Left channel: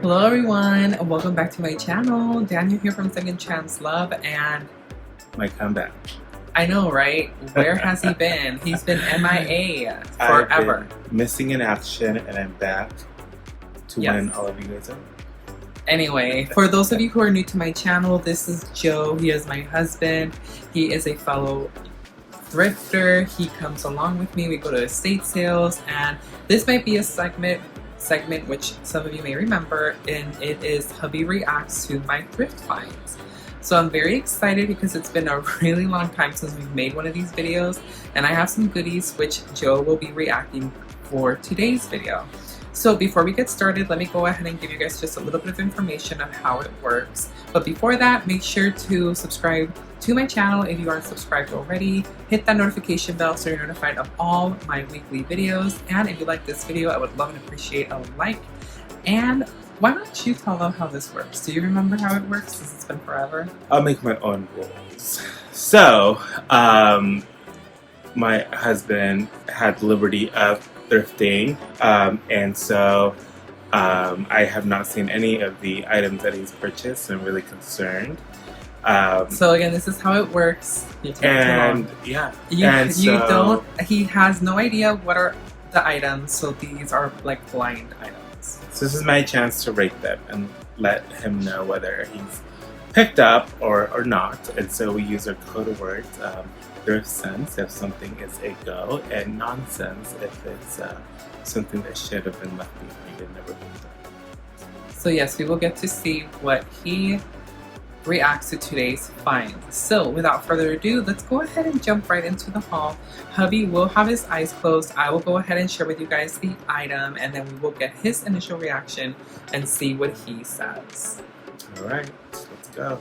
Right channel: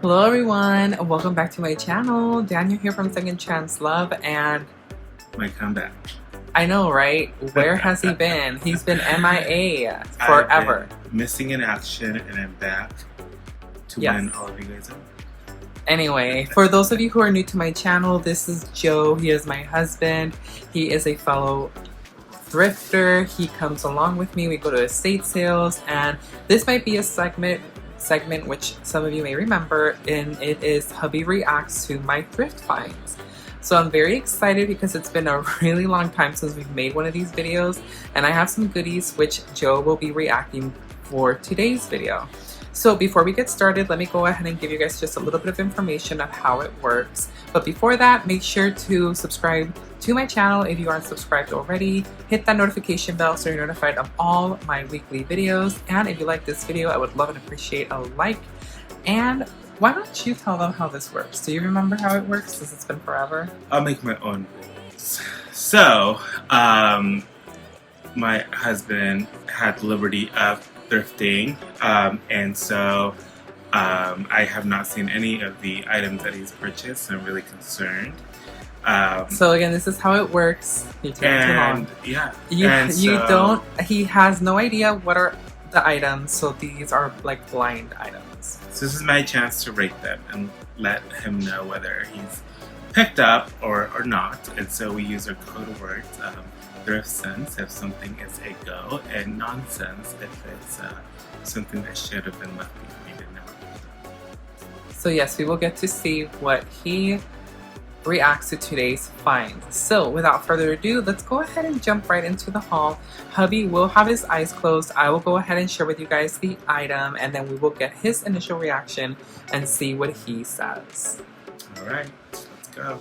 Hello everyone, and welcome back to my channel. Daniel here from Second Chance Love, and My comeback. I know, right? Where has he been? He's been MIA forever. I've been missing in action, and I'm back to win all of you guys over. Anyway, for those of you who are new to my channel, this is Joe. He is my husband. He is a fellow thrifter. He comes along with me. We go to estate sales, and this might be a segment which some of you may remember, and it is Hubby reacts to my thrift finds. So I'm very excited because it's been a really long time since we've made one of these videos, and I have some goodies which Joe will be reacting for today's video. So before we get started, let me go ahead and give you guys just a little bit of information of how it works. But before that, make sure to subscribe to my channel if you aren't subscribed already. Hit that notification bell so you're notified of all my weekly videos. And if you like this video, I would love and appreciate a like. And why don't you tell them how this works? Do you remember how it works since it's been forever? I'll make my own rules. So, my husband had the liberty of thrifting, and so I have not seen any of the items that he's purchased, so I'm really concerned. So again, this is how it works. You take it along. Yeah, he has no idea what are the items, so these are like blind items. So this is my chance to rate them and let him know whether he's picked up or not. And so we use our code words, thrift sense if something is a go, and nonsense if it's something that should have been left behind and never picked up. So yes, we will get to see what he reacts to today's finds. So without further ado, let's go ahead and jump right into the haul. Hubby will have his eyes closed. I will go ahead and share with you guys the item, and then we will get his initial reaction and see what he says. All right, let's go.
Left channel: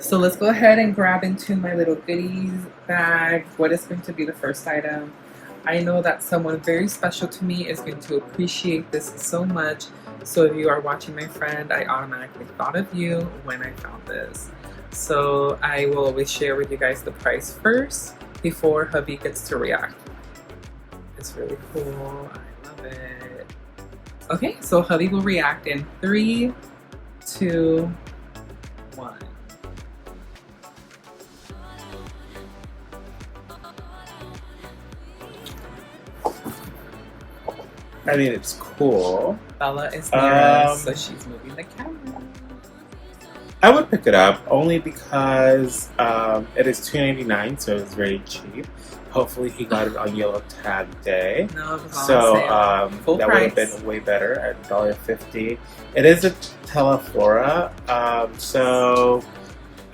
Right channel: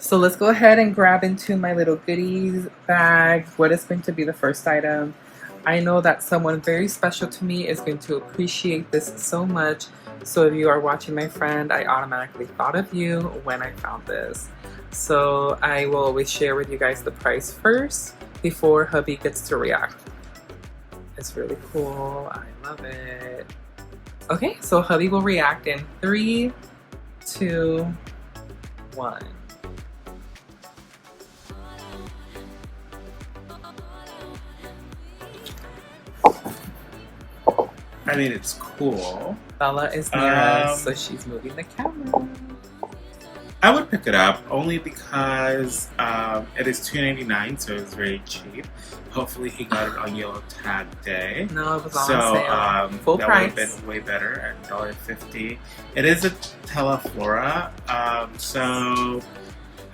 So let's go ahead and grab into my little goodies bag. What is going to be the first item? I know that someone very special to me is going to appreciate this so much. So if you are watching my friend, I automatically thought of you when I found this. So I will always share with you guys the price first before Hubby gets to react. It's really cool. I love it. Okay, so Hubby will react in 3, 2, 1. I mean, it's cool. Bella is nervous, so she's moving the camera. I would pick it up only because it is $2.99, so it's very cheap. Hopefully he got it on yellow tag day. No, it was on sale. Full that price. would have been way better at $1.50. It is a Teleflora, so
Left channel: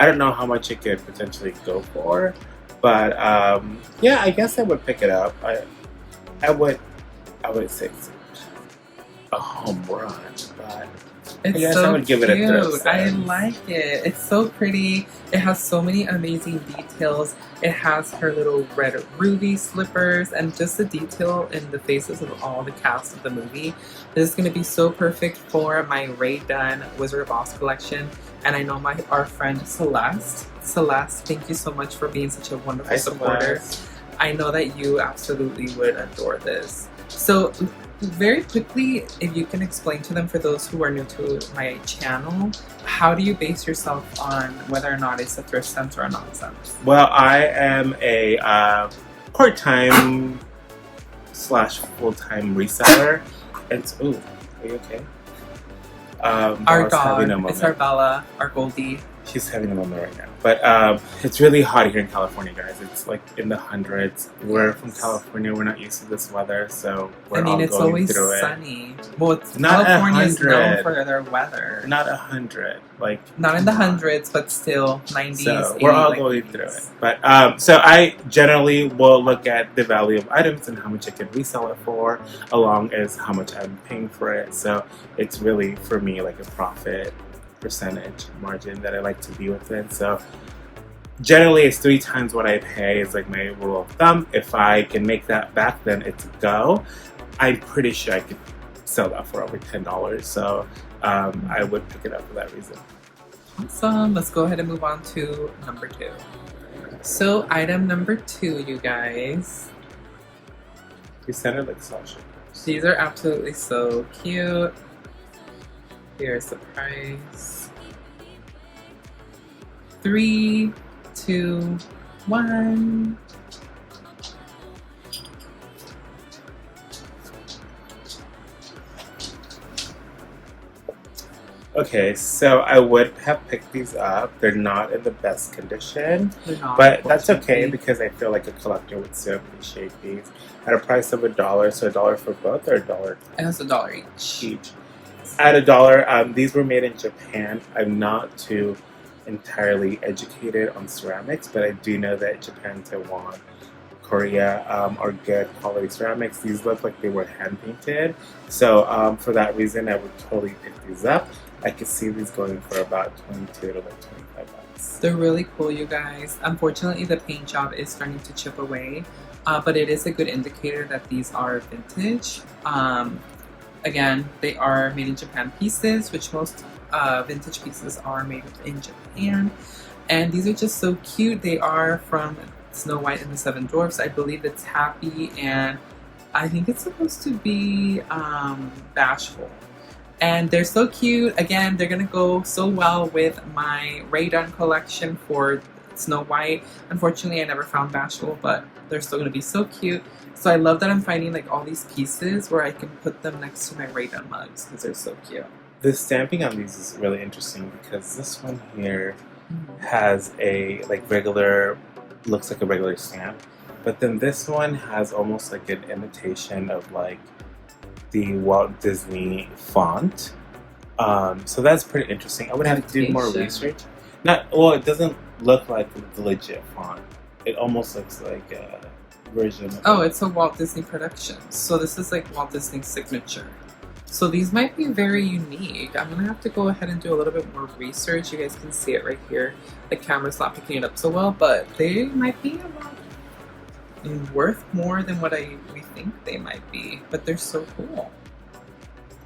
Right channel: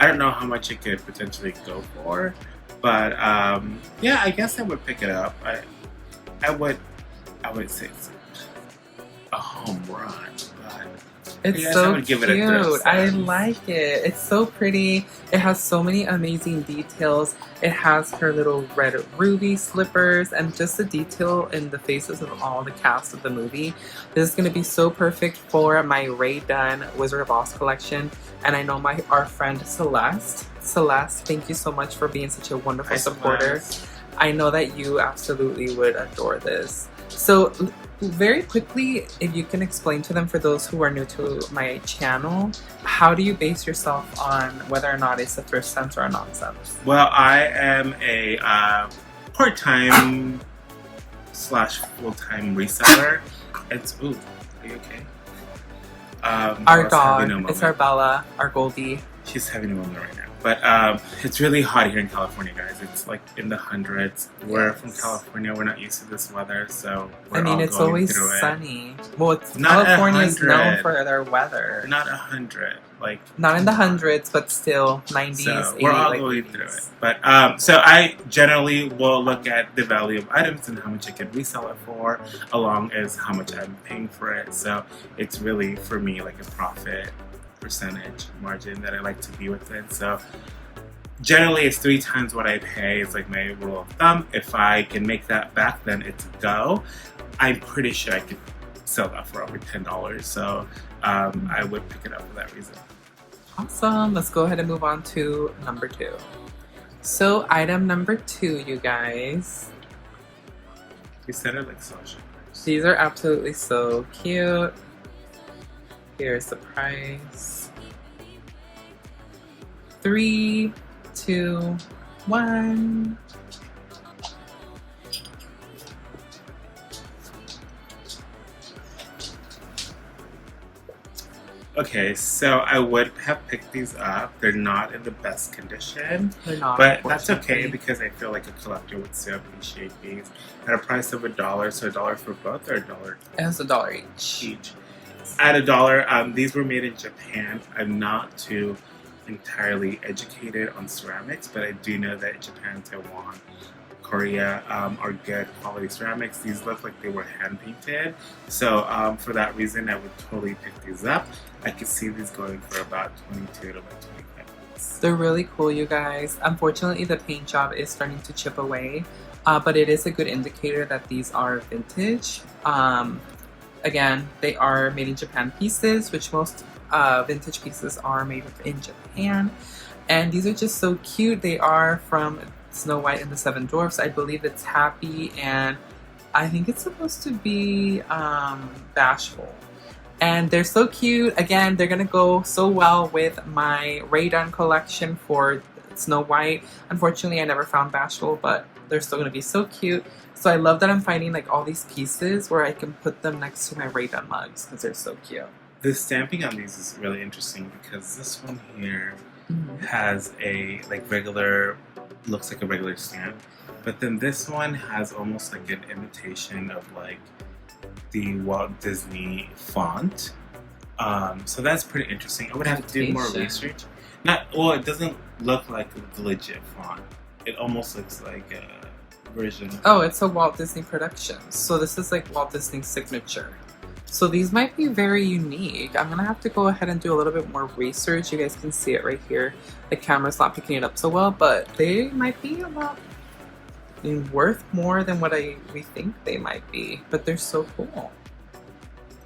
I don't know how much it could potentially go for, but yeah, I guess I would pick it up. I would say it's a home run, but it's I guess so I would give it a thrift. I like it. It's so pretty. It has so many amazing details. It has her little red ruby slippers and just the detail in the faces of all the cast of the movie. This is going to be so perfect for my Rae Dunn Wizard of Oz collection. And I know our friend Celeste, thank you so much for being such a wonderful supporter. Celeste. I know that you absolutely would adore this. So very quickly, if you can explain to them, for those who are new to my channel, how do you base yourself on whether or not it's a thrift sense or a nonsense? Well, I am a part-time / full-time reseller. And ooh, are you okay? Our dog, it's our Bella, our Goldie. She's having a moment right now. But it's really hot here in California, guys. It's like in the hundreds. We're from California. We're not used to this weather, so we're all going through it. It's always sunny. Well, not California is known for their weather. Not 100. Like, not in the hundreds, but still 90s. So we're all going through it. But so I generally will look at the value of items and how much I can resell it for, along as how much I'm paying for it. So it's really, for me, like a profit percentage margin that I like to be within. So generally it's 3 times what I pay is like my rule of thumb. If I can make that back, then it's a go. I'm pretty sure I could sell that for over $10. So I would pick it up for that reason. Awesome. Let's go ahead and move on to number 2. So item number 2, you guys. You sounded like Sasha. These are absolutely so cute. Here's the price. 3, 2, 1. Okay, so I would have picked these up. They're not in the best condition, They're not, but that's okay unfortunately. because I feel like a collector would still appreciate these at a price of $1. So $1 for both, or $1 It has $1 each. each. At $1, these were made in Japan. I'm not too entirely educated on ceramics, but I do know that Japan, Taiwan, Korea are good quality ceramics. These look like they were hand painted, so for that reason, I would totally pick these up. I could see these going for about 22 to like 25 bucks. They're really cool, you guys. Unfortunately, the paint job is starting to chip away, but it is a good indicator that these are vintage. Again, they are made in Japan pieces, which most vintage pieces are made in Japan. And these are just so cute. They are from Snow White and the Seven Dwarfs. I believe it's Happy, and I think it's supposed to be Bashful. And they're so cute. Again, they're gonna go so well with my Rae Dunn collection for Snow White. Unfortunately, I never found Bashful, but they're still gonna be so cute. So I love that I'm finding like all these pieces where I can put them next to my Rae Dunn mugs because they're so cute. The stamping on these is really interesting because this one here has a regular, looks like a regular stamp, but then this one has almost like an imitation of like the Walt Disney font. So that's pretty interesting. I would have to do more research. It doesn't look like the legit font. It almost looks like a version of it's a Walt Disney production. So this is like Walt Disney's signature. So these might be very unique. I'm gonna have to go ahead and do a little bit more research. You guys can see it right here. The camera's not picking it up so well, but they might be a lot worth more than what we think they might be. But they're so cool.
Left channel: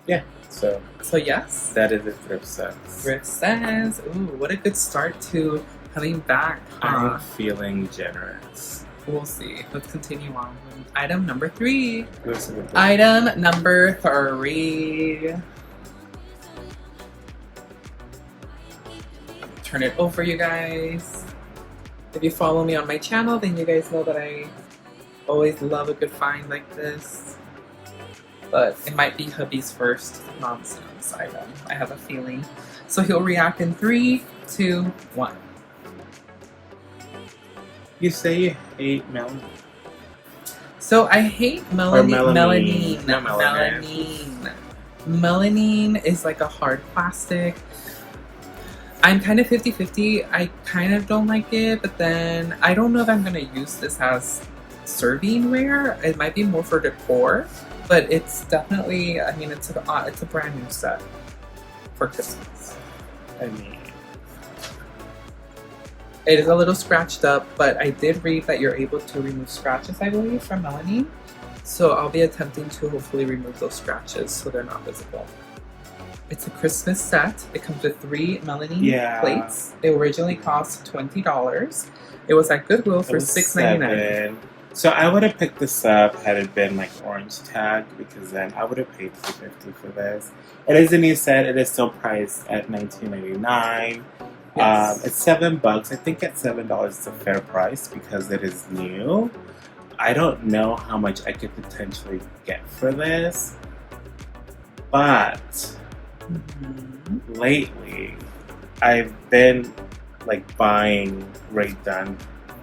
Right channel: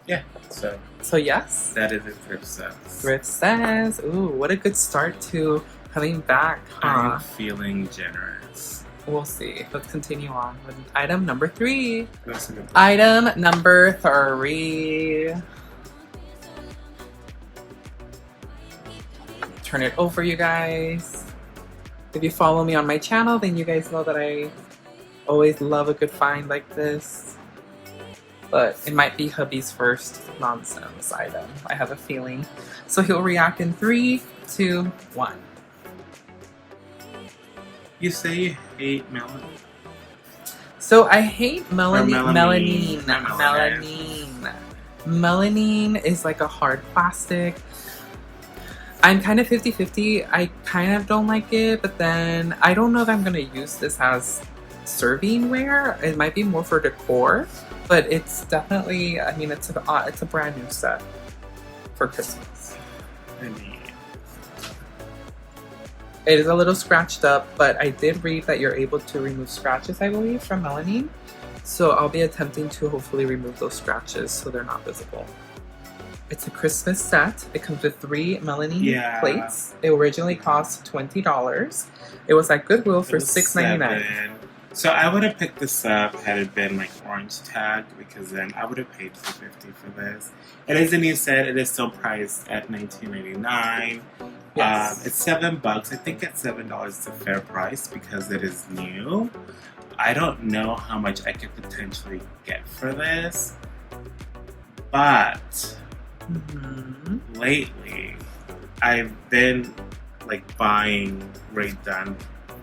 Yeah. So yes. That is a Thrift Says. Thrift Says. Ooh, what a good start to coming back. I'm feeling generous. We'll see. Let's continue on with item number 3. That's a good book. Item number 3. Turn it over, you guys. If you follow me on my channel, then you guys know that I always love a good find like this. But it might be hubby's first nonsense item. I have a feeling. So he'll react in 3, 2, 1. You say you hate Melanie. So I hate melanine. Melanine. Melanine is like a hard plastic. I'm kind of 50-50. I kind of don't like it, but then I don't know if I'm going to use this as servingware. It might be more for decor, but it's definitely, I mean, it's a brand new set for Christmas. I mean, it is a little scratched up, but I did read that you're able to remove scratches, I believe, from melanine. So I'll be attempting to hopefully remove those scratches so they're not visible. It's a Christmas set. It comes with 3 melanine plates. It originally cost $20. It was at Goodwill for $6.99. So I would have picked this up had it been like orange tag, because then I would have paid $2.50 for this. It is a new set. It is still priced at $19.99. Yes. It's $7. I think at $7 it's a fair price because it is new. I don't know how much I could potentially get for this, but lately I've been like buying Rae Dunn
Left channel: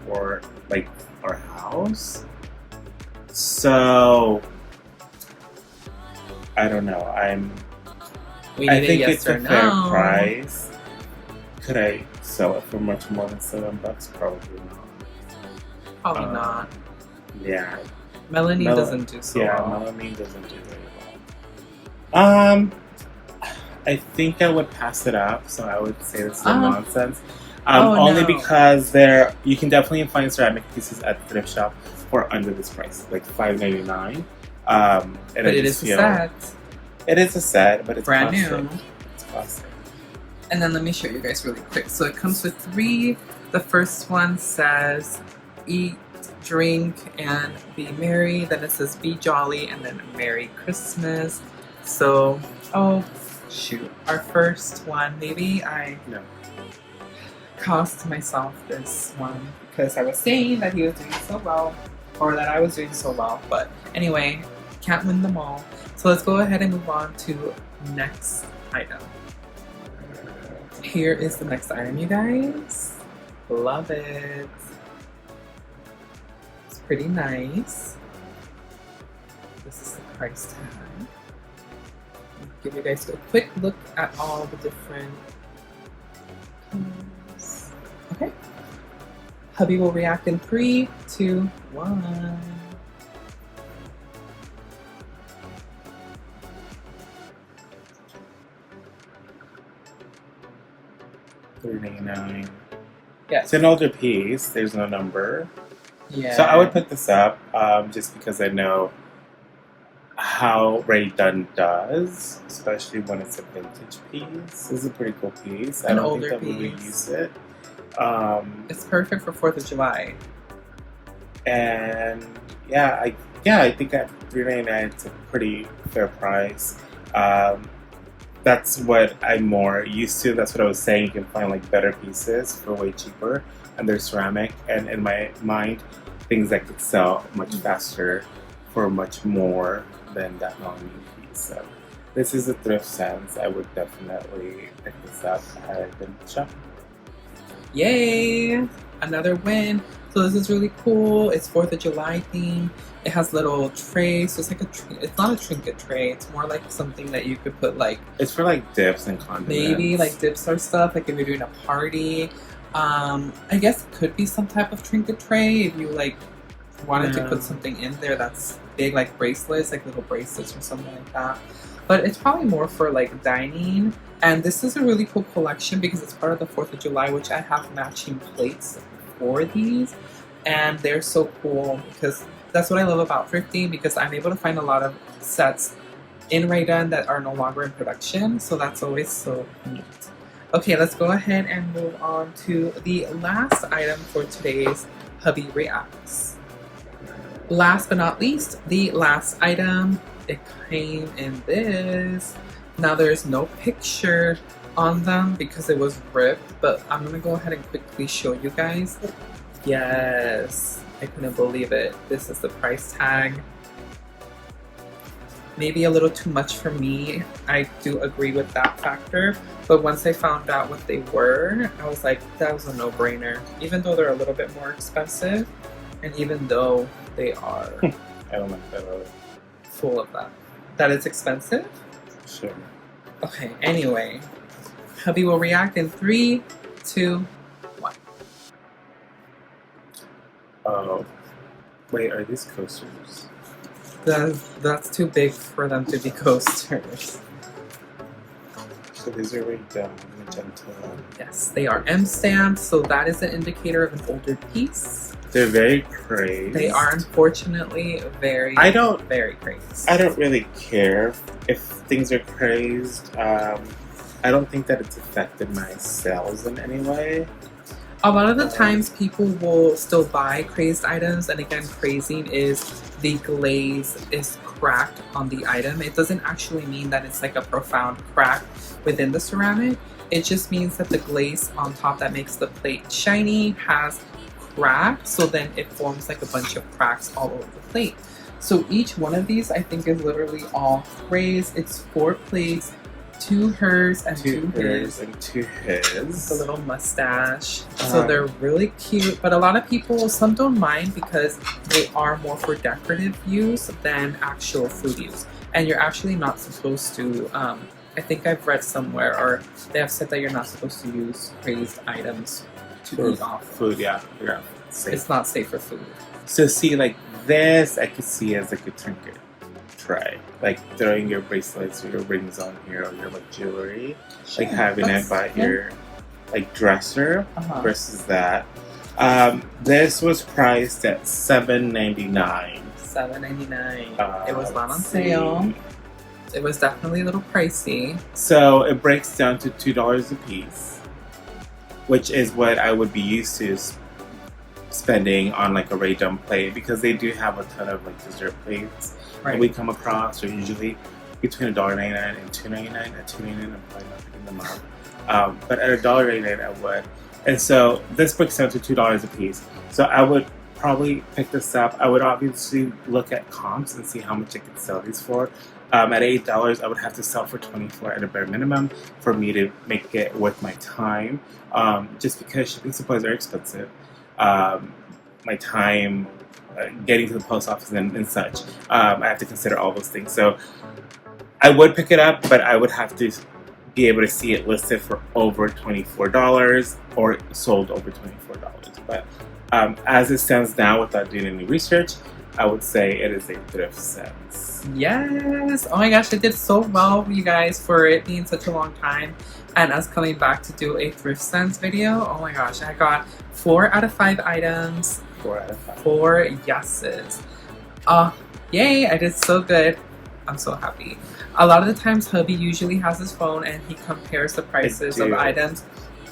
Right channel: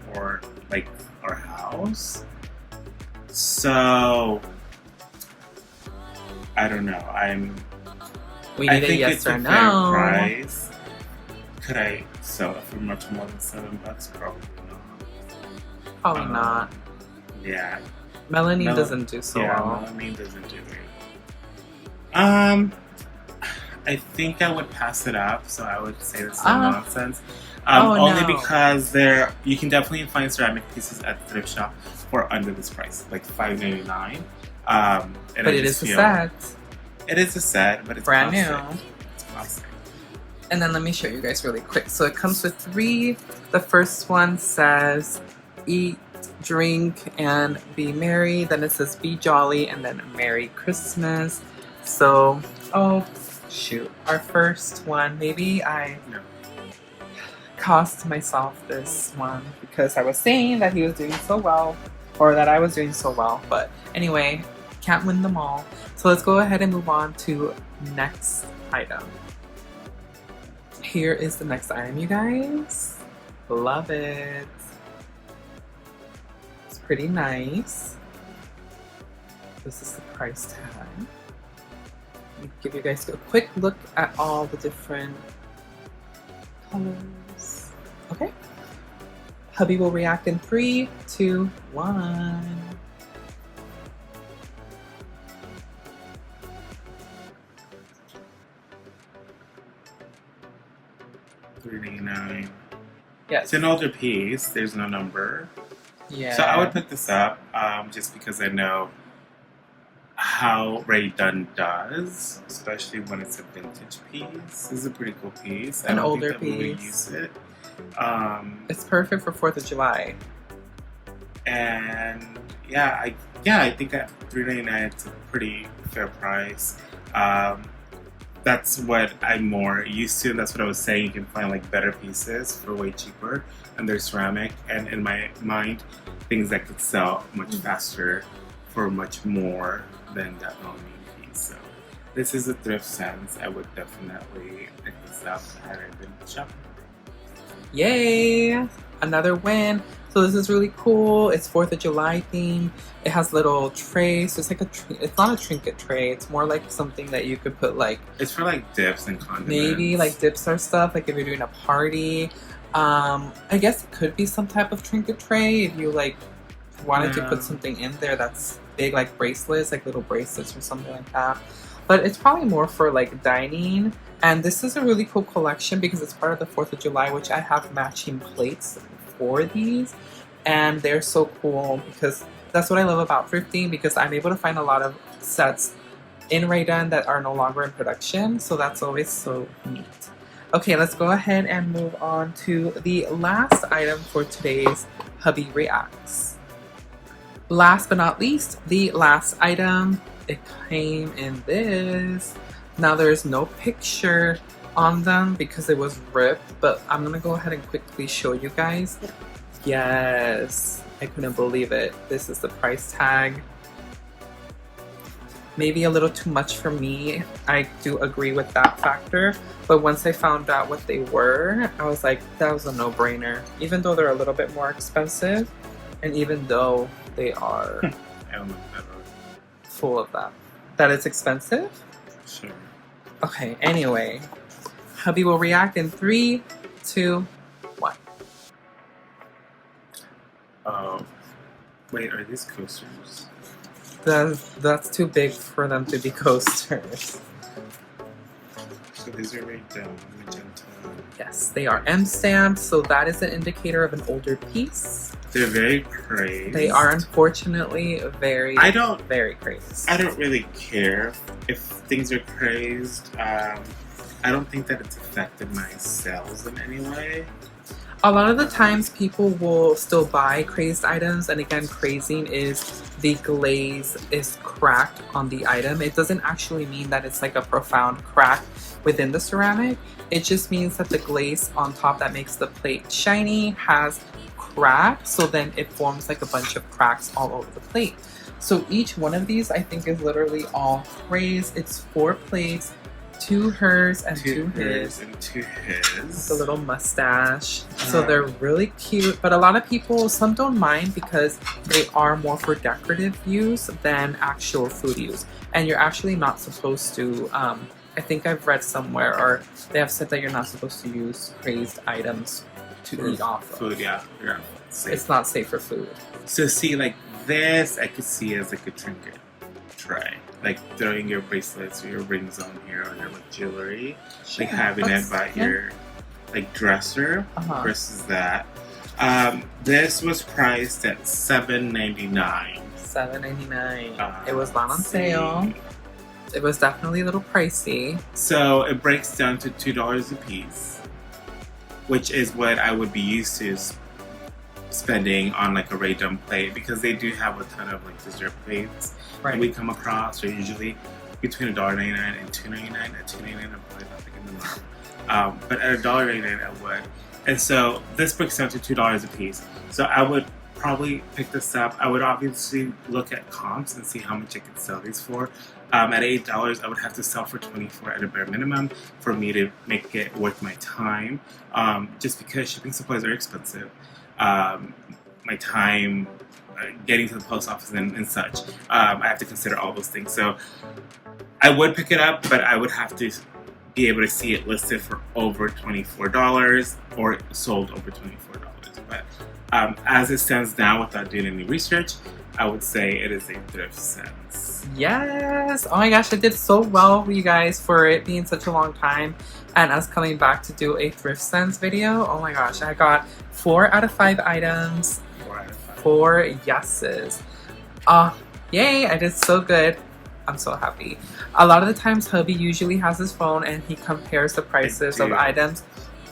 for like our house. So I don't know. I think it's a fair price. Could I sell it for much more than $7? Probably not. Probably not. Yeah. Melanine doesn't do so well. Yeah, melanine doesn't do very well. I think I would pass it up, so I would say this is nonsense. Only because you can definitely find ceramic pieces at the thrift shop for under this price, like $5.99. But it is a set. It is a set, but it's brand plastic. new. It's plastic. And then let me show you guys really quick. So it comes with 3. The first one says eat, drink, and be merry. Then it says be jolly, and then Merry Christmas. So, shoot, our first one. Maybe I No. cost myself this one because I was saying that he was doing so well, or that I was doing so well. But anyway, can't win them all. So let's go ahead and move on to next item. Here is the next item, you guys. Love it. It's pretty nice. This is the price tag. I'll give you guys a quick look at all the different colors. Okay. Hubby will react in 3, 2, 1. $3.99. Yes. It's an older piece. There's no number. Yeah. So I would pick this up just because I know how Rae Dunn does, especially when it's a vintage piece. This is a pretty cool piece. I An don't older think that we would piece. use it. It's perfect for 4th of July. And yeah, I think at $3.99 it's a pretty fair price. That's what I'm more used to. That's what I was saying. You can find like better pieces for way cheaper, and they're ceramic. And in my mind, things that could sell much faster for much more than that non-mean piece. So this is a thrift sense. I would definitely pick this up had I been shopping. Yay! Another win. So this is really cool. It's 4th of July theme. It has little trays. So it's like it's not a trinket tray. It's more like something that you could put like. It's for like dips and condiments. Maybe like dips or stuff. Like if you're doing a party. I guess it could be some type of trinket tray if you like wanted to put something in there that's big, like bracelets, like little bracelets or something like that. But it's probably more for like dining. And this is a really cool collection because it's part of the 4th of July, which I have matching plates for these. And they're so cool because that's what I love about thrifting, because I'm able to find a lot of sets in Rae Dunn that are no longer in production. So that's always so neat. Okay, let's go ahead and move on to the last item for today's Hubby Reacts. Last but not least, the last item. It came in this. Now there's no picture on them because it was ripped, but I'm gonna go ahead and quickly show you guys. Yes, I couldn't believe it. This is the price tag. Maybe a little too much for me. I do agree with that factor, but once I found out what they were, I was like, that was a no-brainer. Even though they're a little bit more expensive, and even though they are I don't like that at all. full of that. That it's expensive? Sure. Okay, anyway. Hubby will react in 3, 2, 1. Oh. Wait, are these coasters? That's too big for them to be coasters. So these are Rae Dunn, magenta. Yes, they are M stamped, so that is an indicator of an older piece. They're very crazed. They are unfortunately very crazed. I don't really care if things are crazed. I don't think that it's affected my sales in any way. A lot of the times people will still buy crazed items, and again, crazing is the glaze is cracked on the item. It doesn't actually mean that it's like a profound crack within the ceramic. It just means that the glaze on top that makes the plate shiny has cracked, so then it forms like a bunch of cracks all over the plate. So each one of these I think is literally all crazed. It's 4 plates, 2 hers and 2 his. And 2 his. The little mustache. So they're really cute. But a lot of people, some don't mind because they are more for decorative use than actual food use. And you're actually not supposed to, I think I've read somewhere, or they have said that you're not supposed to use crazed items to eat off of. Food, yeah. It's not safe for food. So see, like this, I could see as like a trinket tray. Like throwing your bracelets or your rings on here, or your like jewelry. Sure. Like having it by your like dresser versus that. This was priced at $7.99. $7.99. It was not on sale. It was definitely a little pricey. So it breaks down to $2 a piece, which is what I would be used to spending on like a Rae Dunn plate, because they do have a ton of like dessert plates that we come across, or usually between $1.99 and $2.99. At $2.99, I'm probably not picking them up. But at $1.99, I would. And so this breaks down to $2 a piece. So I would probably pick this up. I would obviously look at comps and see how much I could sell these for. At $8, I would have to sell for $24 at a bare minimum for me to make it worth my time. Just because shipping supplies are expensive. My time getting to the post office and such. I have to consider all those things. So I would pick it up, but I would have to be able to see it listed for over $24 or sold over $24. But as it stands now, without doing any research, I would say it is a thrift sense. Yes! Oh my gosh, I did so well, you guys, for it being such a long time and us coming back to do a thrift sense video. Oh my gosh, I got 4 out of 5 items. 4 out of 5. 4 yeses. Yay, I did so good. I'm so happy. A lot of the times, Hubby usually has his phone and he compares the prices of items.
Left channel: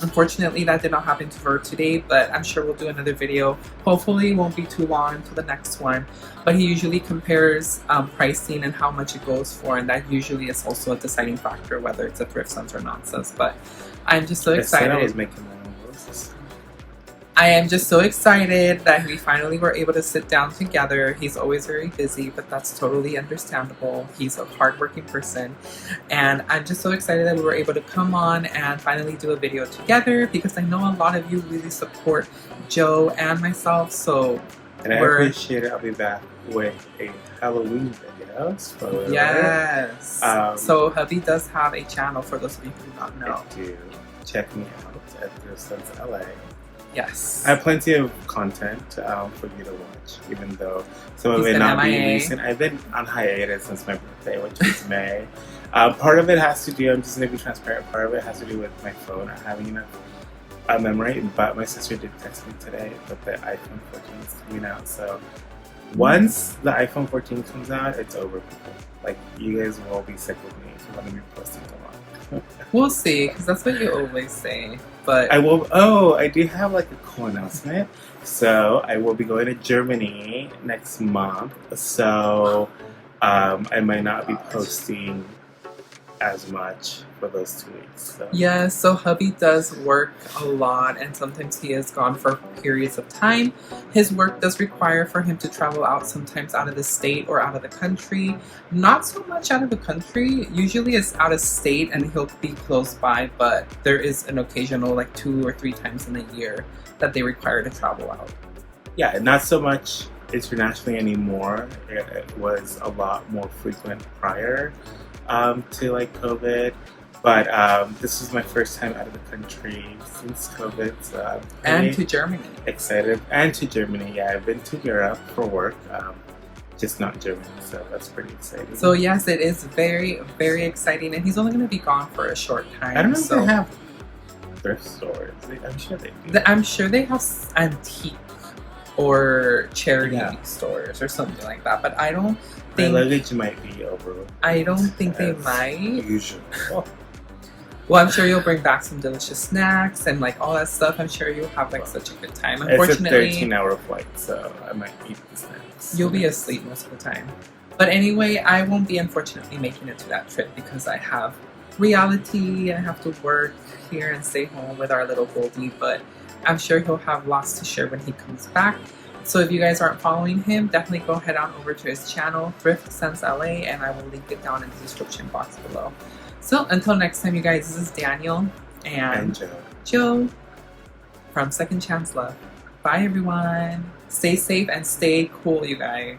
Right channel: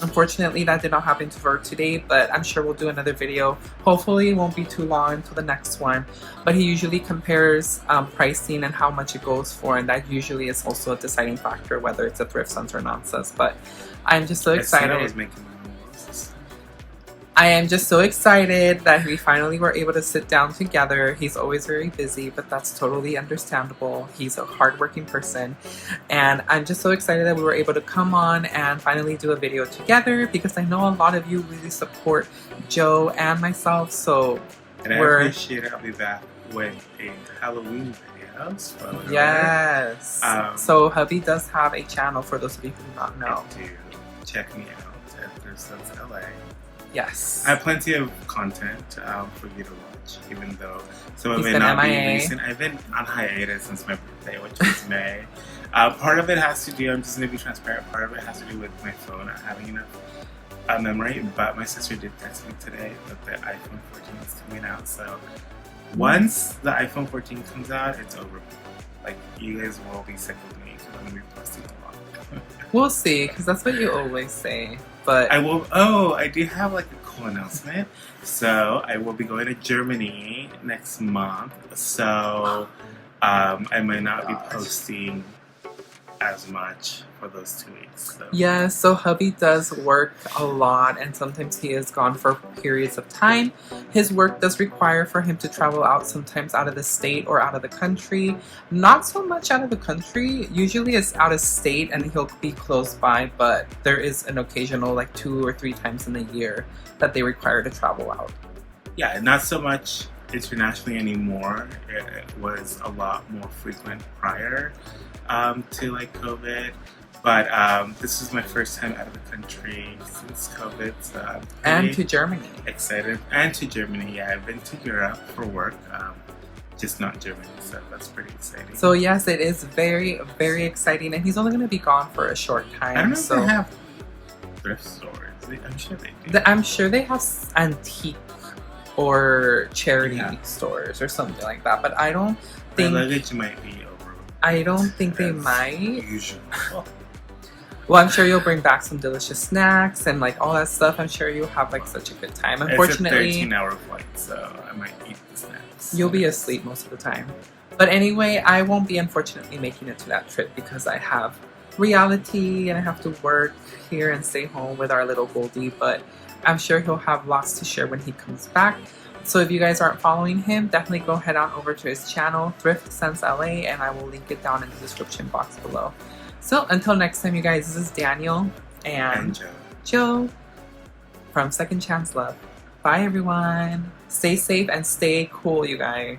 Unfortunately, that did not happen to her today, but I'm sure we'll do another video. Hopefully, it won't be too long until the next one. But he usually compares pricing and how much it goes for, and that usually is also a deciding factor whether it's a thrift sense or nonsense. But I'm just so excited. I said I was making my own roses. I am just so excited that we finally were able to sit down together. He's always very busy, but that's totally understandable. He's a hardworking person. And I'm just so excited that we were able to come on and finally do a video together because I know a lot of you really support Joe and myself. So and I appreciate it. I'll be back with a Halloween video. Spoiler yes. So Hubby does have a channel for those of you who do not know. I do. Check me out at Thrift Sense LA. Yes. I have plenty of content for you to watch, even though some of it not be recent. I've been on hiatus since my birthday, which was May. Part of it has to do, I'm just going to be transparent, part of it has to do with my phone not having enough memory, but my sister did text me today that the iPhone 14 is coming out, so once the iPhone 14 comes out, it's over, people. Like, you guys will be sick of me because I'm going to be posting a lot. We'll see, because that's what you always say. But I will. Oh, I do have like a cool announcement. So I will be going to Germany next month. So I might not be posting as much for those 2 weeks. So. Yeah, so Hubby does work a lot and sometimes he is gone for periods of time. His work does require for him to travel out, sometimes out of the state or out of the country. Not so much out of the country. Usually it's out of state and he'll be close by, but there is an occasional like 2 or 3 times in a year that they require to travel out. Yeah, not so much internationally anymore. It was a lot more frequent prior to like COVID. But this is my first time out of the country since COVID, so I'm and to Germany. Excited. And to Germany, yeah. I've been to Europe for work, just not Germany, so that's pretty exciting. So yes, it is very, very exciting, and he's only going to be gone for a short time. I don't know if they have thrift stores. I'm sure they do. I'm sure they have antique or charity stores or something like that, but I don't think... My luggage might be over. I don't think they might. Usual. Well, I'm sure you'll bring back some delicious snacks and like all that stuff. I'm sure you'll have like such a good time. Unfortunately, it's a 13-hour flight, so I might eat the snacks. You'll be asleep most of the time. But anyway, I won't be unfortunately making it to that trip because I have reality and I have to work here and stay home with our little Goldie. But I'm sure he'll have lots to share when he comes back. So if you guys aren't following him, definitely go head on over to his channel, Thrift Sense LA, and I will link it down in the description box below. So until next time, you guys, this is Daniel and Joe from Second Chance Love. Bye, everyone. Stay safe and stay cool, you guys.